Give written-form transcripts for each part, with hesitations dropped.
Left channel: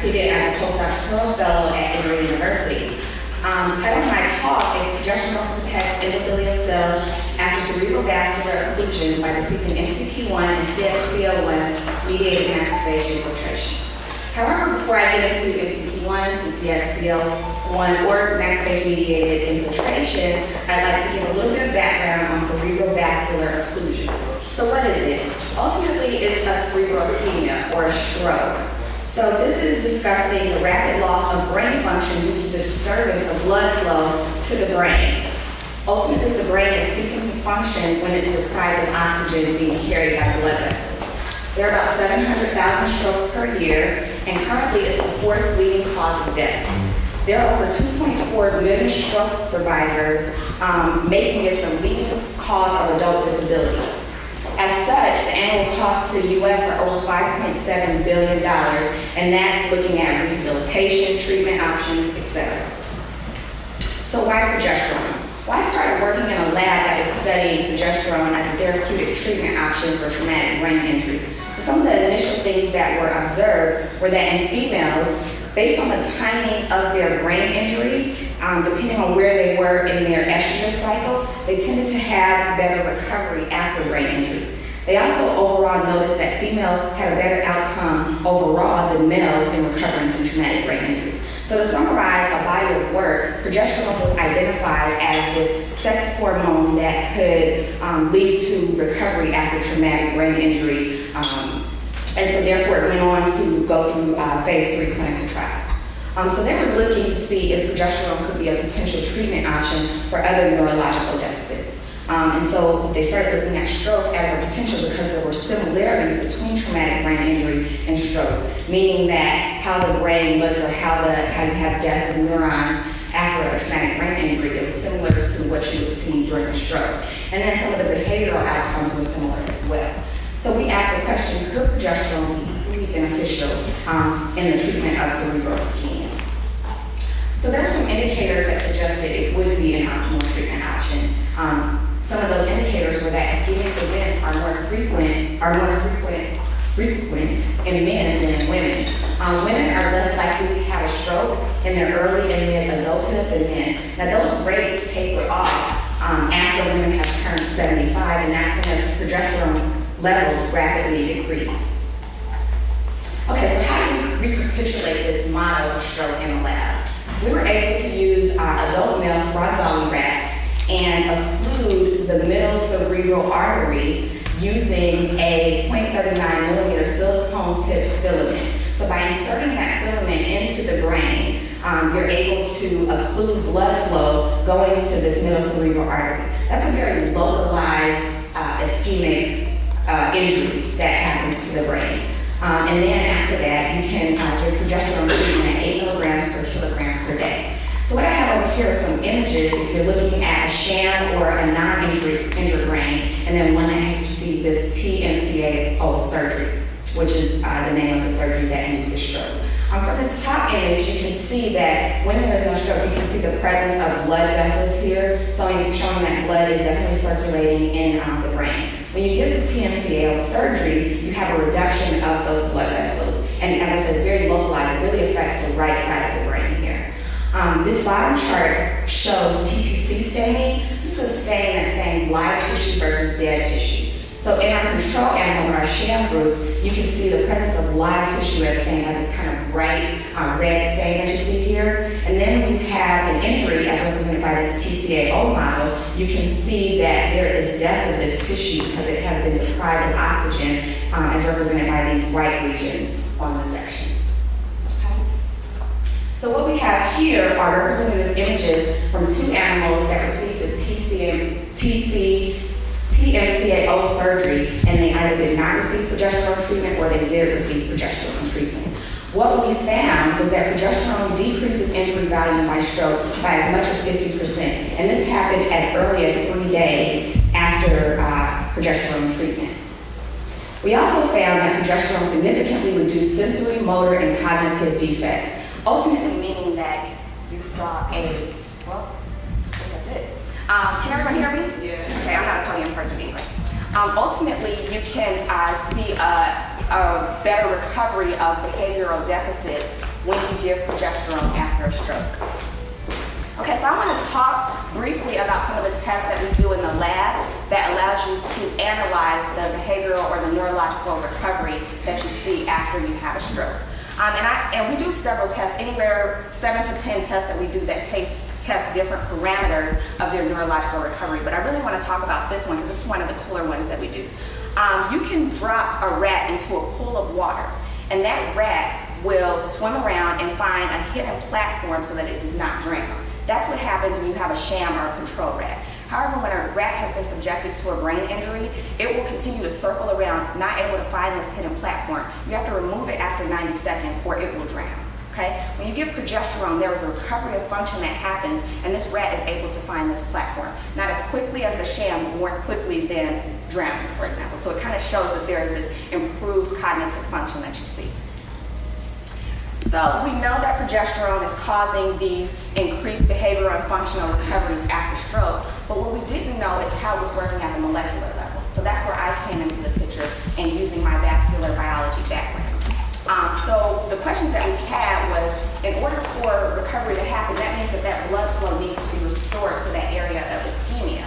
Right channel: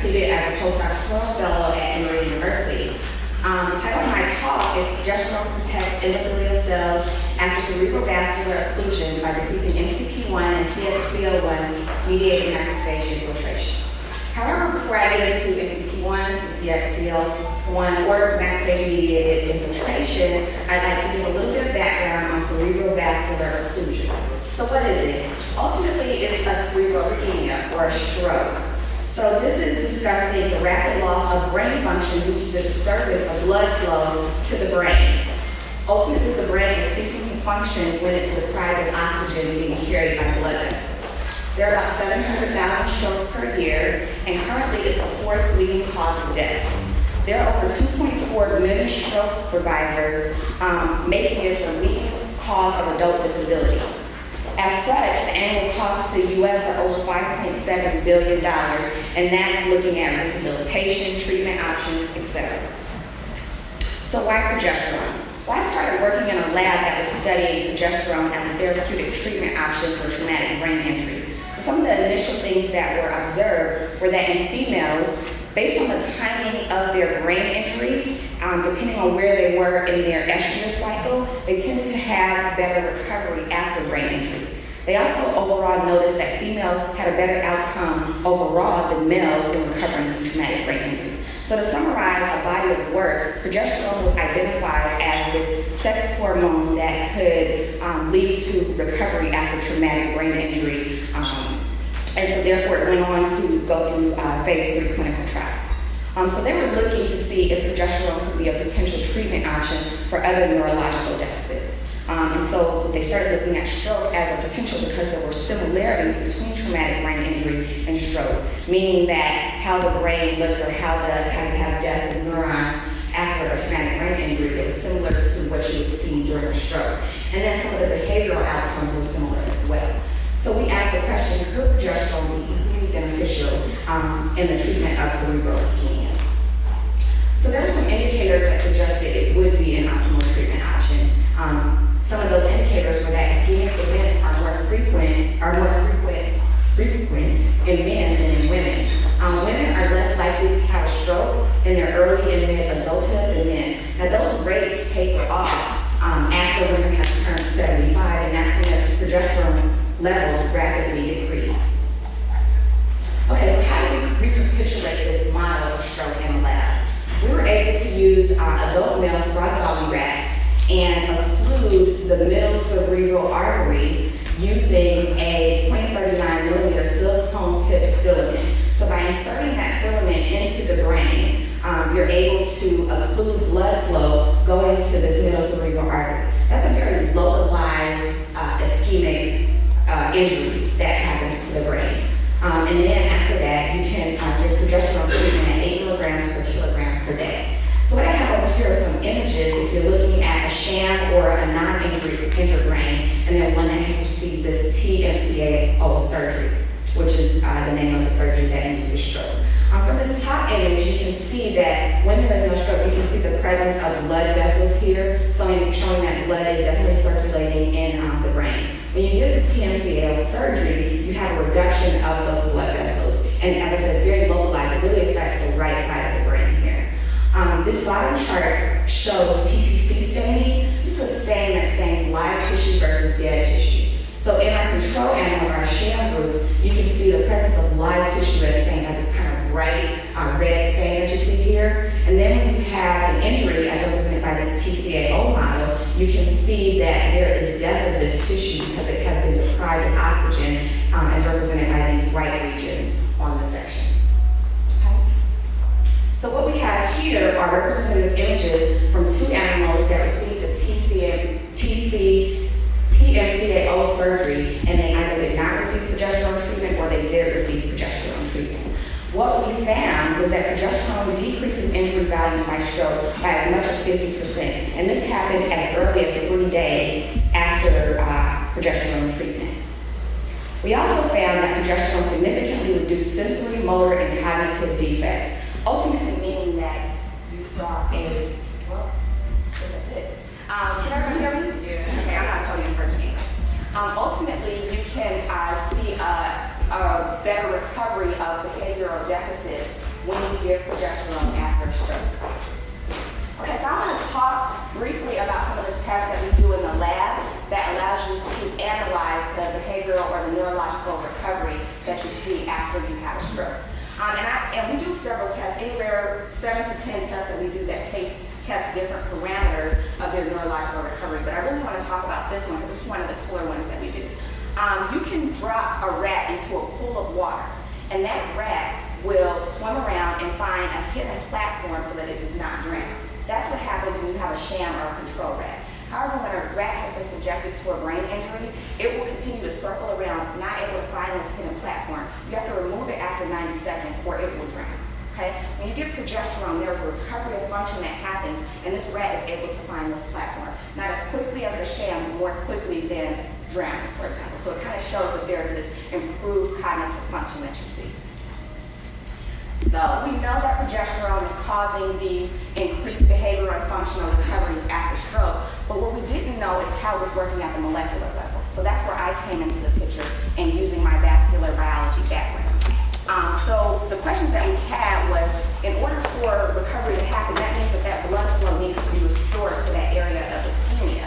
completed as a postdoctoral fellow at Emory University. The title of my talk is Progesterone Protects Endothelial Cells After Cerebrovascular Occlusion by Decreasing MCP1 and CXCL1 Mediated Macrophage Infiltration. However, before I get into MCP1 and CXCL1 or macrophage-mediated infiltration, I'd like to give a little bit of background on cerebrovascular occlusion. So what is it? Ultimately, it's a cerebral ischemia or a stroke. So this is discussing the rapid loss of brain function due to disturbance of blood flow to the brain. Ultimately, the brain is ceasing to function when it's deprived of oxygen being carried by blood vessels. There are about 700,000 strokes per year, and currently it's the fourth leading cause of death. There are over 2.4 million stroke survivors, making it the leading cause of adult disability. As such, the annual costs to the U.S. are over $5.7 billion, and that's looking at rehabilitation, treatment options, etc. So why progesterone? Well, I started working in a lab that is studying progesterone as a therapeutic treatment option for traumatic brain injury. So some of the initial things that were observed were that in females, based on the timing of their brain injury, depending on where they were in their estrogen cycle, they tended to have better recovery after brain injury. They also overall noticed that females had a better outcome overall than males in recovering from traumatic brain injury. So to summarize a body of work, progesterone was identified as this sex hormone that could lead to recovery after traumatic brain injury. And so therefore it went on to go through phase 3 clinical trials. So they were looking to see if progesterone could be a potential treatment option for other neurological deficits. And so they started looking at stroke as a potential because there were similarities between traumatic brain injury and stroke, meaning that how the brain, how you have death of neurons after a traumatic brain injury, it was similar to what you would see during a stroke. And then some of the behavioral outcomes were similar as well. So we asked the question, could progesterone be equally beneficial in the treatment of cerebral ischemia? So there are some indicators that suggested it would be an optimal treatment option. Some of those indicators were that ischemic events are more frequent in men than in women. Women are less likely to have a stroke in their early and mid-adulthood than men. Now those rates taper off after women have turned 75, and that's when the progesterone levels rapidly decrease. Okay, so how do we recapitulate this model of stroke in the lab? We were able to use adult male spot dolly rats and occlude the middle cerebral artery using a 0.39 millimeter silicone tipped filament. So by inserting that filament into the brain, you're able to occlude blood flow going to this middle cerebral artery. That's a very localized ischemic injury that happens to the brain. And then after that, you can give progesterone treatment at 8 milligrams per kilogram per day. So what I have over here are some images if you're looking at a sham or a non-injured brain, and then one that has received this TMCAO surgery, which is the name of the surgery that induces stroke. For this top image, you can see that when there is no stroke, you can see the presence of blood vessels here, showing that blood is definitely circulating in the brain. When you get the TMCAO surgery, you have a reduction of those blood vessels. And as I said, it's very localized. It really affects the right side of the brain here. This bottom chart shows TTC staining. This is a stain that stains live tissue versus dead tissue. So in our control animals, our sham groups, you can see the presence of live tissue as stained, like this kind of bright red stain that you see here. And then when you have an injury, as represented by this TCAO model, you can see that there is death of this tissue because it has been deprived of oxygen, as represented by these white regions on the section. So what we have here are representative images from 2 animals that received the TMCAO surgery, and they either did not receive progesterone treatment or they did receive progesterone treatment. What we found was that progesterone decreases injury value by stroke by as much as 50%, and this happened as early as 3 days after progesterone treatment. We also found that progesterone significantly reduced sensory, motor, and cognitive defects, ultimately meaning that you saw well, I think that's it. Can everyone hear me? Yeah. Okay, I'm not a podium person anyway. Ultimately, you can see a better recovery of behavioral deficits when you give progesterone after a stroke. Okay, so I want to talk briefly about some of the tests that we do in the lab that allows you to analyze the behavioral or the neurological recovery that you see after you have a stroke. And we do several tests, anywhere 7 to 10 tests that we do that test different parameters of their neurological recovery. But I really want to talk about this one because this is one of the cooler ones that we do. You can drop a rat into a pool of water, and that rat will swim around and find a hidden platform so that it does not drown. That's what happens when you have a sham or a control rat. However, when a rat has been subjected to a brain injury, it will continue to circle around, not able to find this hidden platform. You have to remove it after 90 seconds or it will drown. Okay? When you give progesterone, there is a recovery of function that happens, and this rat is able to find this platform. Not as quickly as the sham, but more quickly than drowning, for example. So it kind of shows that there is this improved cognitive function that you see. So we know that progesterone is causing these increased behavioral and functional recoveries after stroke, but what we didn't know is how it was working at the molecular level. So that's where I came into the picture and using my vascular biology background. So the questions that we had was, in order for recovery to happen, that means that that blood flow needs to be restored to that area of ischemia.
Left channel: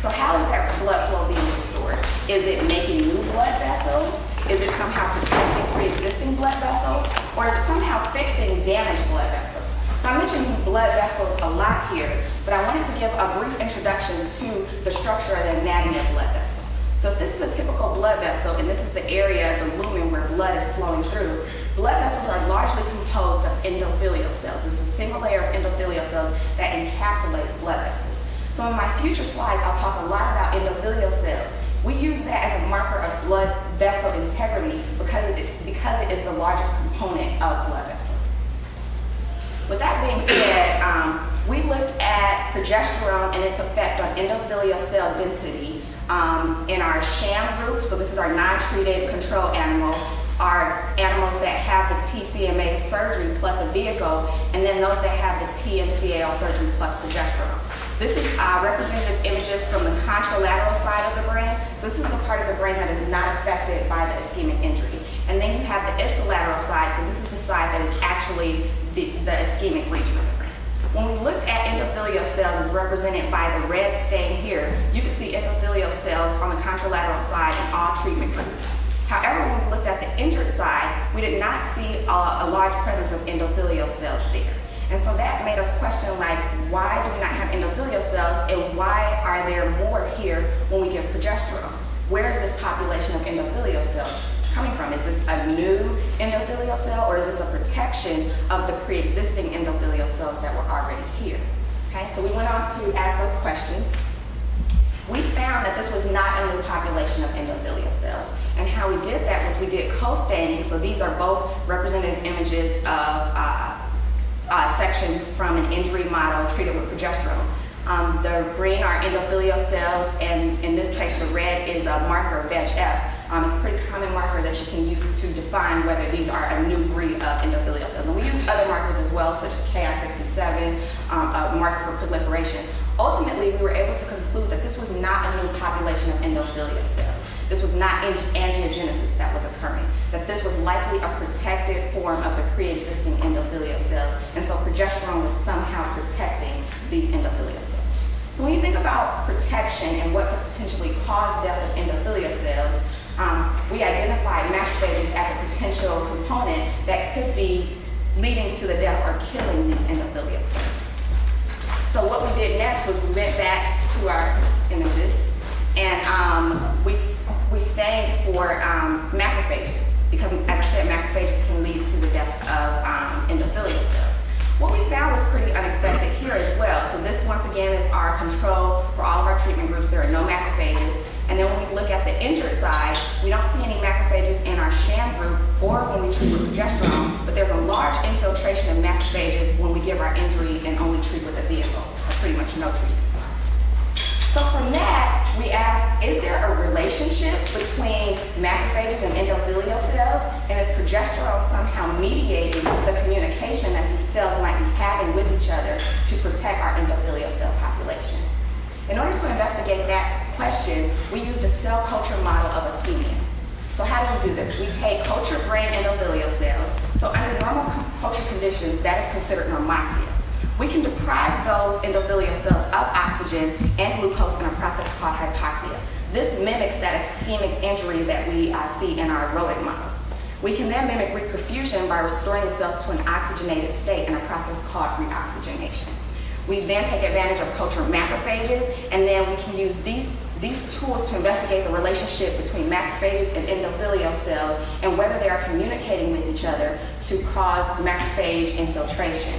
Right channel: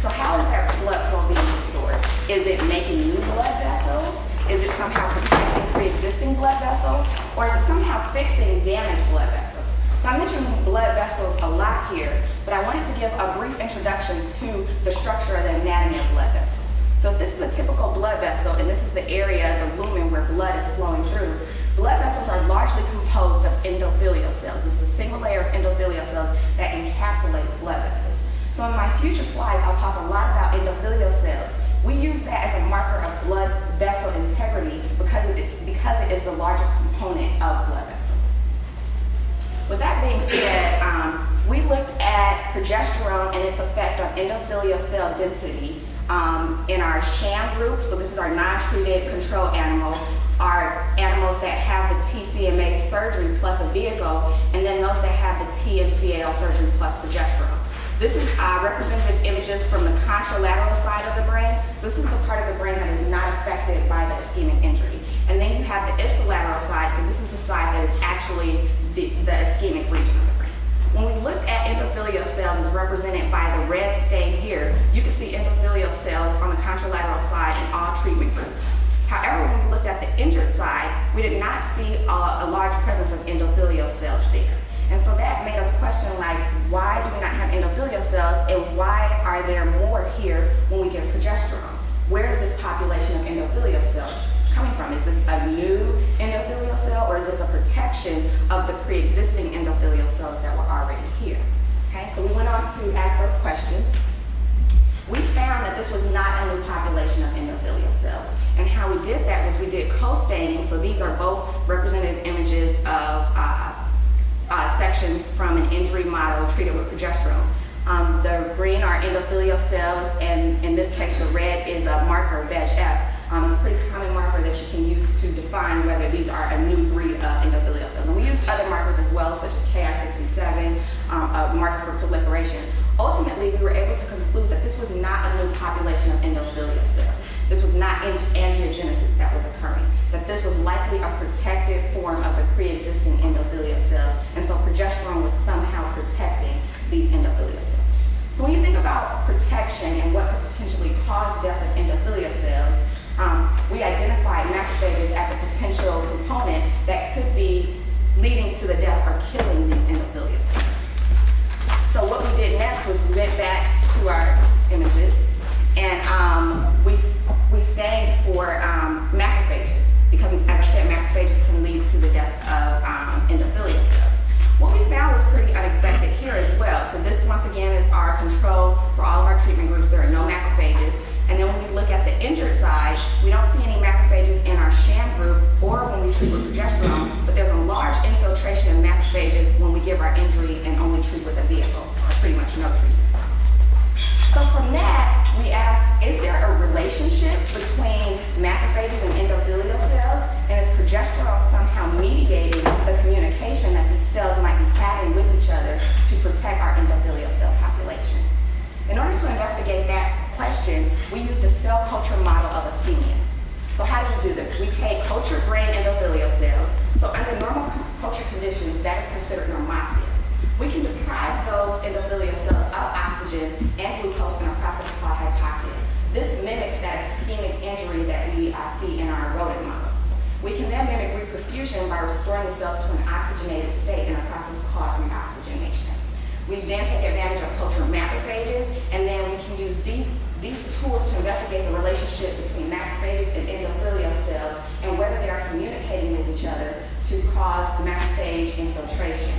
So how is that blood flow being restored? Is it making new blood vessels? Is it somehow protecting pre-existing blood vessels? Or is it somehow fixing damaged blood vessels? So I mentioned blood vessels a lot here, but I wanted to give a brief introduction to the structure of the anatomy of blood vessels. So if this is a typical blood vessel, and this is the area, the lumen, where blood is flowing through, blood vessels are largely composed of endothelial cells. This is a single layer of endothelial cells that encapsulates blood vessels. So in my future slides, I'll talk a lot about endothelial cells. We use that as a marker of blood vessel integrity because it is the largest component of blood vessels. With that being said, we looked at progesterone and its effect on endothelial cell density in our sham group. So this is our non-treated control animal, our animals that have the TCMA surgery plus a vehicle, and then those that have the TMCAL surgery plus progesterone. This is representative images from the contralateral side of the brain. So this is the part of the brain that is not affected by the ischemic injury. And then you have the ipsilateral side, so this is the side that is actually the ischemic region of the brain. When we looked at endothelial cells as represented by the red stain here, you can see endothelial cells on the contralateral side in all treatment groups. However, when we looked at the injured side, we did not see a large presence of endothelial cells there. And so that made us question, like, why do we not have endothelial cells, and why are there more here when we give progesterone? Where is this population of endothelial cells coming from? Is this a new endothelial cell, or is this a protection of the pre-existing endothelial cells that were already here? Okay, so we went on to ask those questions. We found that this was not a new population of endothelial cells. And how we did that was we did co-staining. So these are both representative images of sections from an injury model treated with progesterone. The green are endothelial cells, and in this case the red is a marker, VEGF. It's a pretty common marker that you can use to define whether these are a new breed of endothelial cells. And we use other markers as well, such as Ki67, a marker for proliferation. Ultimately, we were able to conclude that this was not a new population of endothelial cells. This was not angiogenesis that was occurring, that this was likely a protected form of the pre-existing endothelial cells, and so progesterone was somehow protecting these endothelial cells. So when you think about protection and what could potentially cause death of endothelial cells, we identified macrophages as a potential component that could be leading to the death or killing these endothelial cells. So what we did next was we went back to our images, and we stained for macrophages, because as I said, macrophages can lead to the death of endothelial cells. What we found was pretty unexpected here as well. So this, once again, is our control for all of our treatment groups. There are no macrophages. And then when we look at the injured side, we don't see any macrophages in our sham group or when we treat with progesterone, but there's a large infiltration of macrophages when we give our injury and only treat with a vehicle, or pretty much no treatment. So from that, we asked, is there a relationship between macrophages and endothelial cells? And is progesterone somehow mediating the communication that these cells might be having with each other to protect our endothelial cell population? In order to investigate that question, we used a cell culture model of ischemia. So how do we do this? We take cultured brain endothelial cells, So under normal culture conditions, that is considered normoxia. We can deprive those endothelial cells of oxygen and glucose in a process called hypoxia. This mimics that ischemic injury that we see in our rodent model. We can then mimic reperfusion by restoring the cells to an oxygenated state in a process called reoxygenation. We then take advantage of culture macrophages, and then we can use these tools to investigate the relationship between macrophages and endothelial cells and whether they are communicating with each other to cause macrophage infiltration.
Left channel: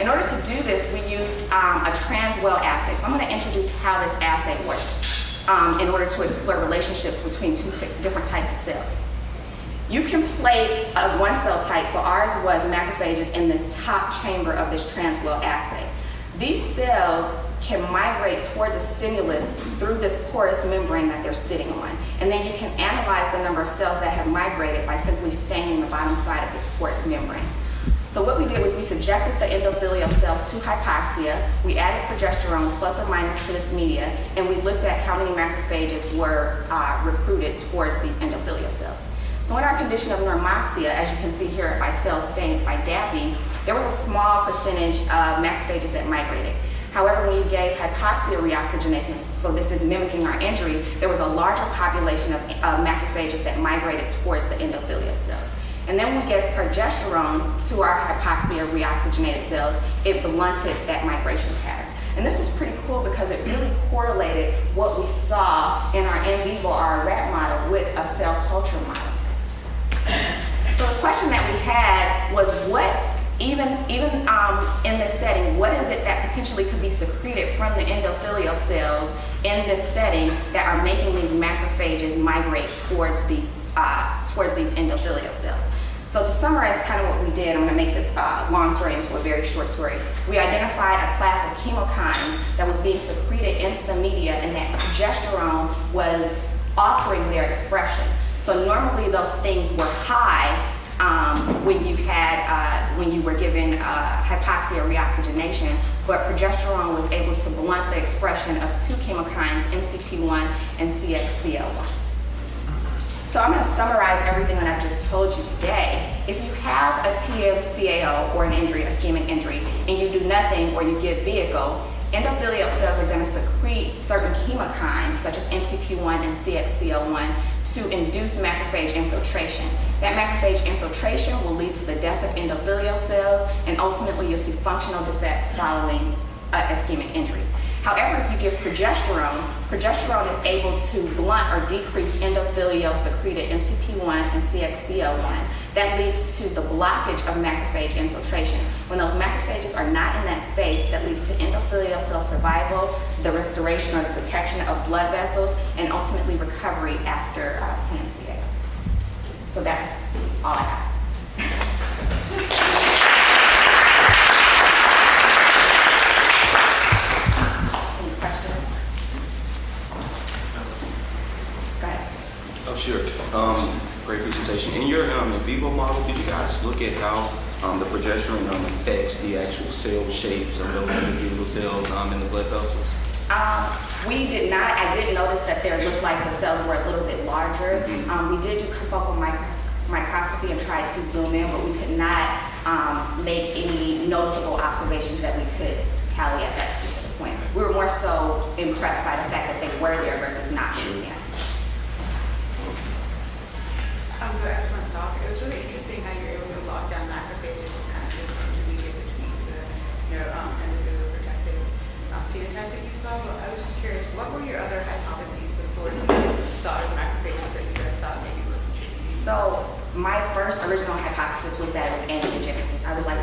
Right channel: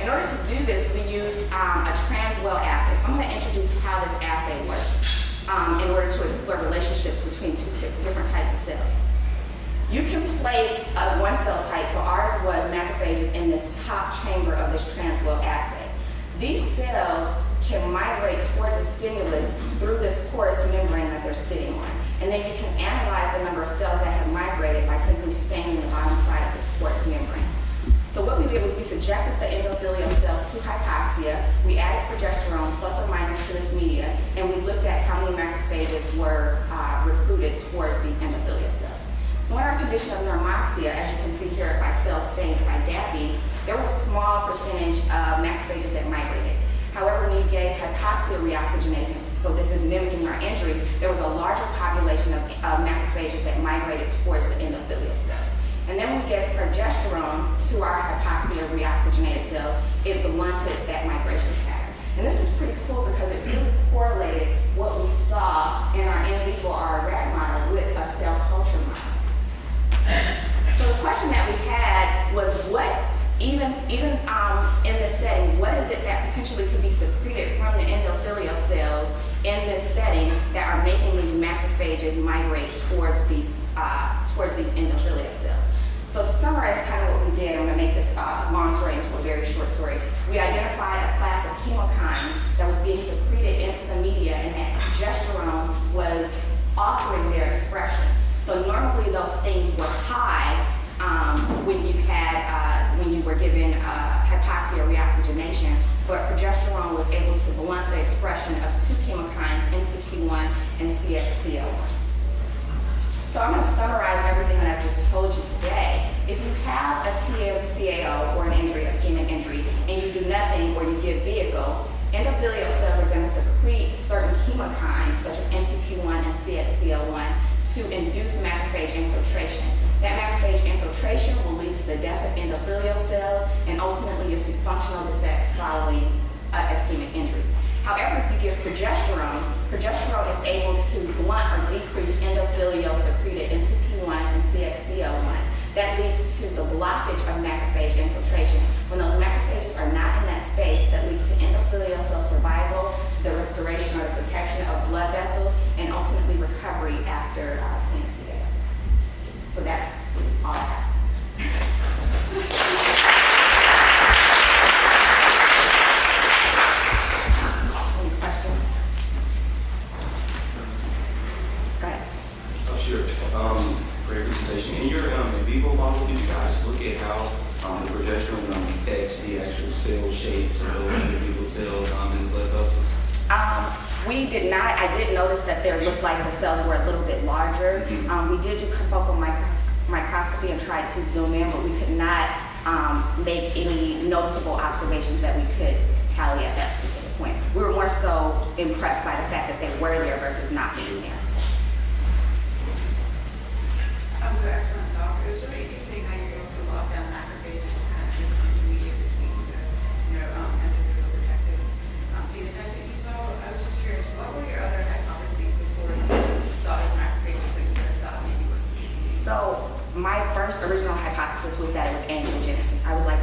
In order to do this, we use a trans-well assay. So I'm going to introduce how this assay works in order to explore relationships between two different types of cells. You can plate one cell type, so ours was macrophages in this top chamber of this trans-well assay. These cells can migrate towards a stimulus through this porous membrane that they're sitting on. And then you can analyze the number of cells that have migrated by simply staining the bottom side of this porous membrane. So what we did was we subjected the endothelial cells to hypoxia, we added progesterone plus or minus to this media, and we looked at how many macrophages were recruited towards these endothelial cells. So in our condition of normoxia, as you can see here by cells stained by dapping, there was a small percentage of macrophages that migrated. However, when you gave hypoxia reoxygenation, so this is mimicking our injury, there was a larger population of macrophages that migrated towards the endothelial cells. And then when we gave progesterone to our hypoxia reoxygenated cells, it blunted that migration pattern. And this was pretty cool because it really correlated what we saw in our in vivo, our rat model, with a cell culture model. So the question that we had was what, even in this setting, what is it that potentially could be secreted from the endothelial cells in this setting that are making these macrophages migrate towards these endothelial cells? So to summarize kind of what we did, I'm going to make this long story into a very short story. We identified a class of chemokines that was being secreted into the media, and that progesterone was altering their expression. So normally those things were high when you were given hypoxia reoxygenation, but progesterone was able to blunt the expression of two chemokines, MCP1 and CXCL1. So I'm going to summarize everything that I've just told you today. If you have a TMCAO or an injury, ischemic injury, and you do nothing or you give vehicle, endothelial cells are going to secrete certain chemokines such as MCP1 and CXCL1 to induce macrophage infiltration. That macrophage infiltration will lead to the death of endothelial cells, and ultimately you'll see functional defects following ischemic injury. However, if you give progesterone, progesterone is able to blunt or decrease endothelial secreted MCP1 and CXCL1. That leads to the blockage of macrophage infiltration. When those macrophages are not in that space, that leads to endothelial cell survival, the restoration or the protection of blood vessels, and ultimately recovery after TMCA. So that's all I have. Questions? Go ahead. Oh, sure. Great presentation. In your vivo model, did you guys look at how the progesterone affects the actual cell shapes of those individual cells in the blood vessels? We did not. I did notice that there looked like the cells were a little bit larger. We did do confocal microscopy and tried to zoom in, but we could not make any noticeable observations that we could tally at that particular point. We were more so impressed by the fact that they were there versus not being there. That was an excellent talk. It was really interesting how you're able to lock down macrophages as kind of this intermediate between the endothelial protective phenotypes that you saw. But I was just curious, what were your other hypotheses before you thought of macrophages that you just thought maybe was? So my first original hypothesis was that it was angiogenesis. I was like,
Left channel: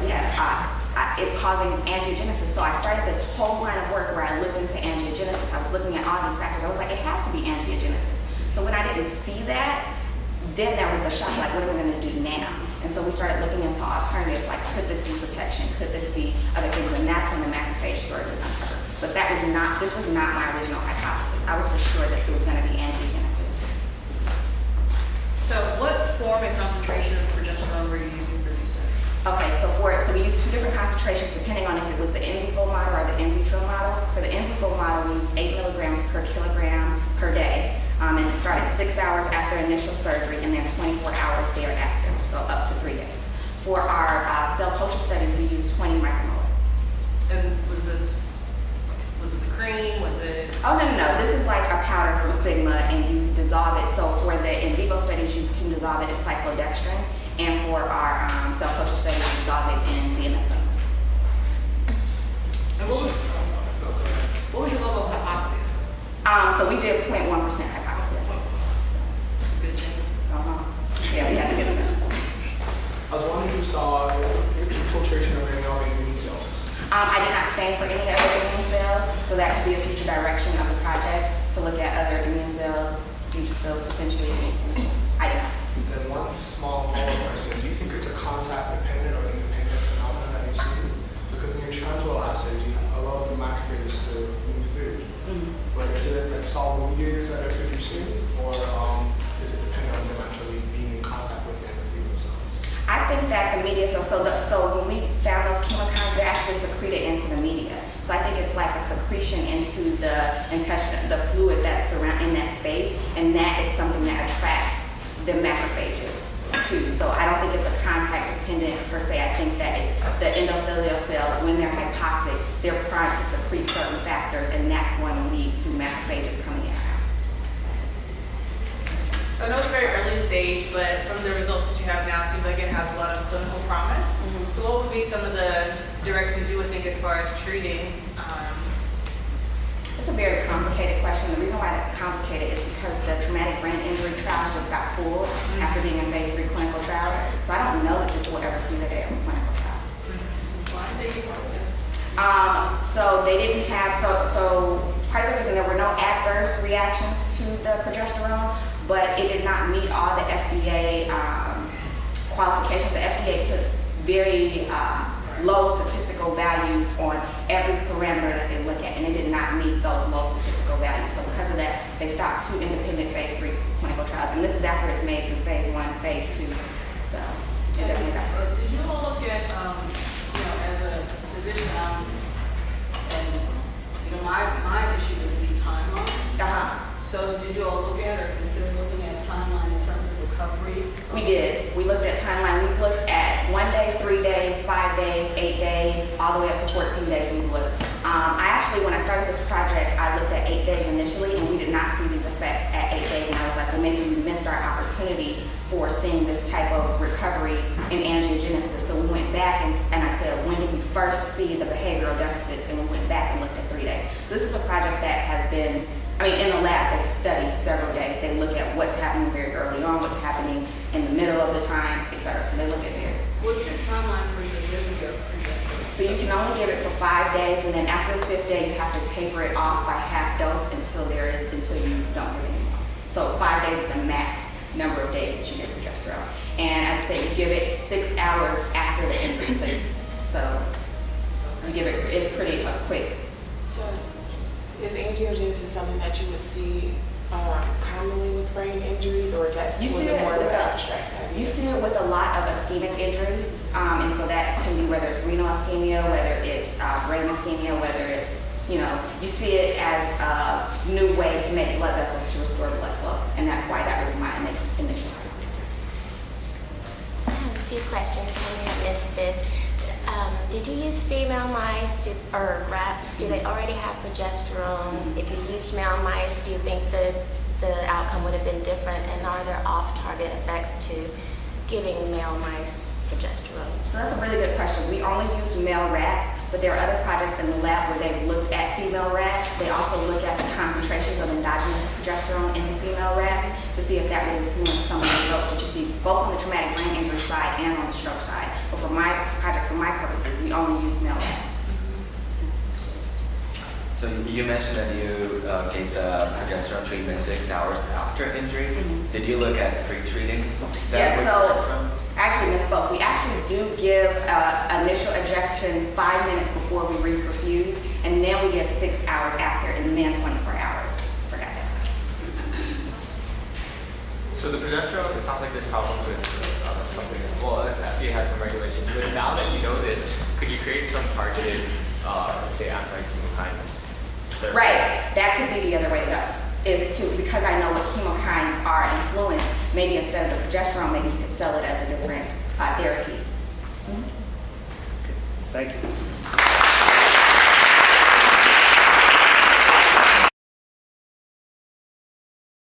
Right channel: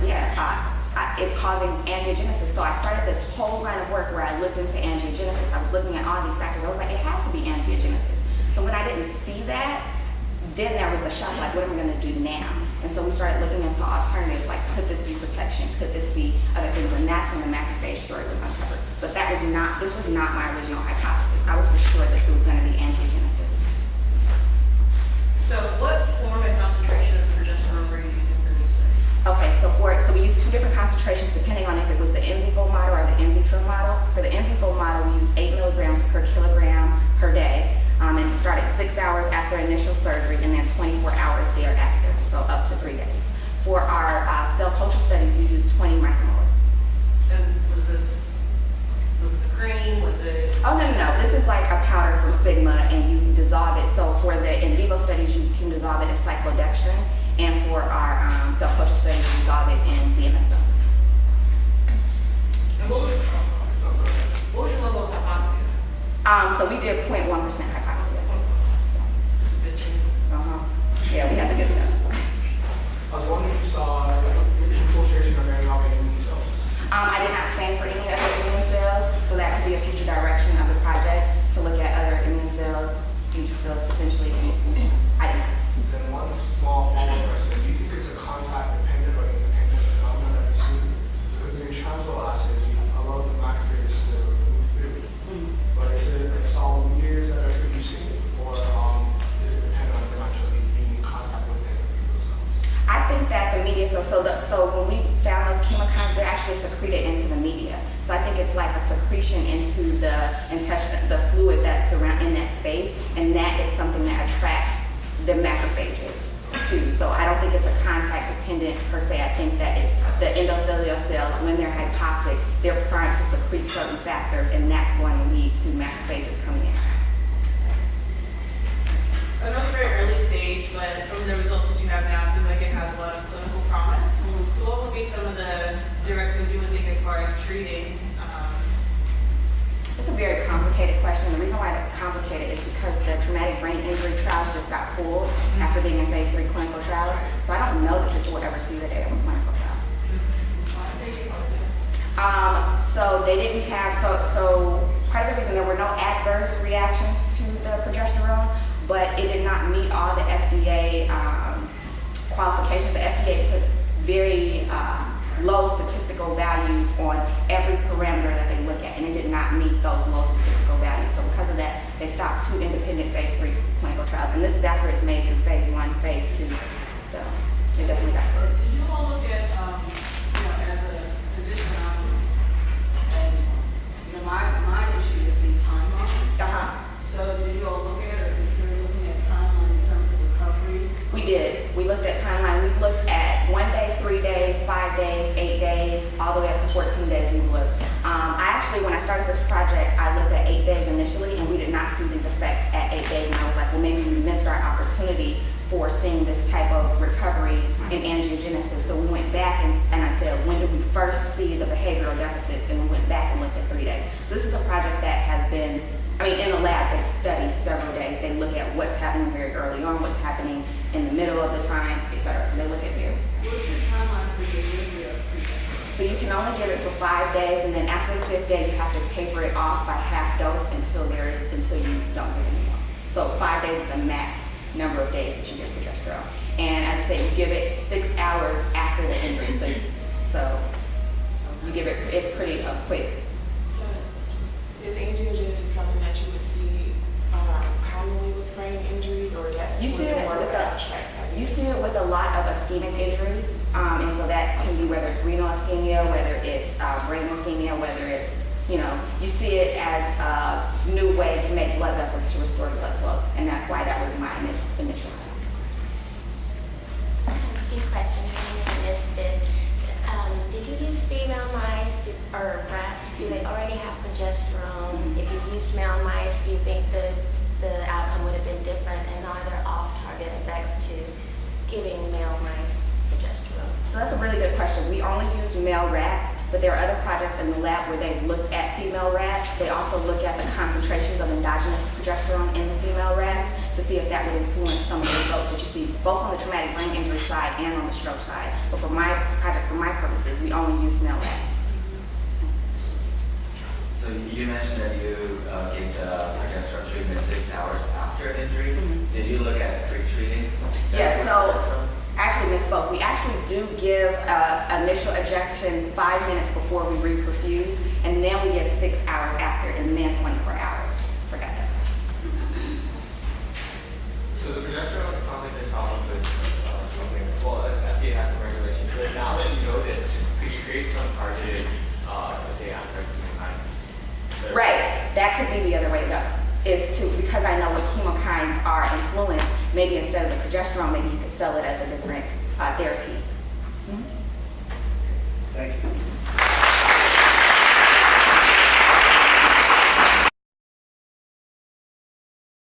it's causing angiogenesis. So I started this whole line of work where I looked into angiogenesis. I was looking at all these factors. I was like, it has to be angiogenesis. So when I didn't see that, then there was the shock, like, what am I going to do now? And so we started looking into alternatives, like, could this be protection? Could this be other things? And that's when the macrophage story was uncovered. But this was not my original hypothesis. I was for sure that it was going to be angiogenesis. So what form and concentration of progesterone were you using for research? Okay, so we used two different concentrations depending on if it was the in vivo model or the in vitro model. For the in vivo model, we used 8 milligrams per kilogram per day. And it started 6 hours after initial surgery and then 24 hours thereafter, so up to 3 days. For our cell culture studies, we used 20 micromolar. And was it cream, was it? Oh, no. This is like a powder from Sigma, and you dissolve it. So for the in vivo studies, you can dissolve it in cyclodextrin. And for our cell culture studies, we dissolve it in DMSO. What was your level of hypoxia? So we did 0.1% hypoxia. So, Good thing. yeah, we had the good stuff. I was wondering if you saw infiltration of any immune cells. I did not stain for any other immune cells, so that could be a future direction of the project to look at other immune cells, future cells potentially. I did not. Then one small follow-up question, do you think it's a contact-dependent or independent phenomenon that you see? Because in your transmittal assays, you allow the macrophages to move through. But is it like solid mediators that are producing, or is it dependent on them actually being in contact with the endothelial cells? I think that the media, so when we found those chemokines, they're actually secreted into the media. So I think it's like a secretion into the intestine, the fluid that's in that space, and that is something that attracts the macrophages too. So I don't think it's a contact dependent per se. I think that it's the endothelial cells, when they're hypoxic, they're primed to secrete certain factors, and that's going to lead to macrophages coming in or out. I know it's very early stage, but from the results that you have now, it seems like it has a lot of clinical promise. So what would be some of the directions you would think as far as treating? It's a very complicated question. The reason why that's complicated is because the traumatic brain injury trials just got pulled after being in phase 3 clinical trials. So I don't know that this will ever see the day of a clinical trial. So they didn't have, so part of the reason there were no adverse reactions to the progesterone, but it did not meet all the FDA qualifications. The FDA puts very low statistical values on every parameter that they look at, and it did not meet those low statistical values. So because of that, they stopped 2 independent phase 3 clinical trials, and this is after it's made through phase 1, phase 2. So it definitely got. Did you all look at, as a physician, and my issue would be timeline. So did you all look at or consider looking at timeline in terms of recovery? We did. We looked at timeline. We looked at 1 day, 3 days, 5 days, 8 days, all the way up to 14 days we looked. I actually, when I started this project, I looked at 8 days initially, and we did not see these effects at 8 days. And I was like, well, maybe we missed our opportunity for seeing this type of recovery in angiogenesis. So we went back and I said, when did we first see the behavioral deficits? And we went back and looked at 3 days. So this is a project that has been, in the lab, they study several days. They look at what's happening very early on, what's happening in the middle of the time, et cetera. So they look at various. What's your timeline for your delivery of progesterone? So you can only give it for 5 days, and then after the 5th day, you have to taper it off by half dose until you don't give anymore. So 5 days is the max number of days that you give progesterone. And as I say, you give it 6 hours after the injury. So you give it, it's pretty quick. So is angiogenesis something that you would see commonly with brain injuries, or is that You see it more with abstract? You see it with a lot of ischemic injury, and so that can be whether it's renal ischemia, whether it's brain ischemia, whether it's, you see it as a new way to make blood vessels to restore blood flow, and that's why that was my initial hypothesis. I have a few questions. Did you use female mice or rats? Do they already have progesterone? If you used male mice, do you think the outcome would have been different? And are there off-target effects to giving male mice progesterone? So that's a really good question. We only use male rats, but there are other projects in the lab where they've looked at female rats. They also look at the concentrations of endogenous progesterone in the female rats to see if that would influence some of the results that you see both on the traumatic brain injury side and on the stroke side. But for my project, for my purposes, we only use male rats. So you mentioned that you gave the progesterone treatment 6 hours after injury. Did you look at pre-treating? Yes, so I actually misspoke. We actually do give initial ejection 5 minutes before we reperfuse, and then we give 6 hours after, and then 24 hours. Forgot that. So the progesterone, it sounds like this problem with well, FDA has some regulations, but now that you know this, could you create some targeted, say, anti-chemokine? Right, that could be the other way to go. is to, because I know what chemokines are influenced, maybe instead of the progesterone, maybe you could sell it as a different therapy. Thank you.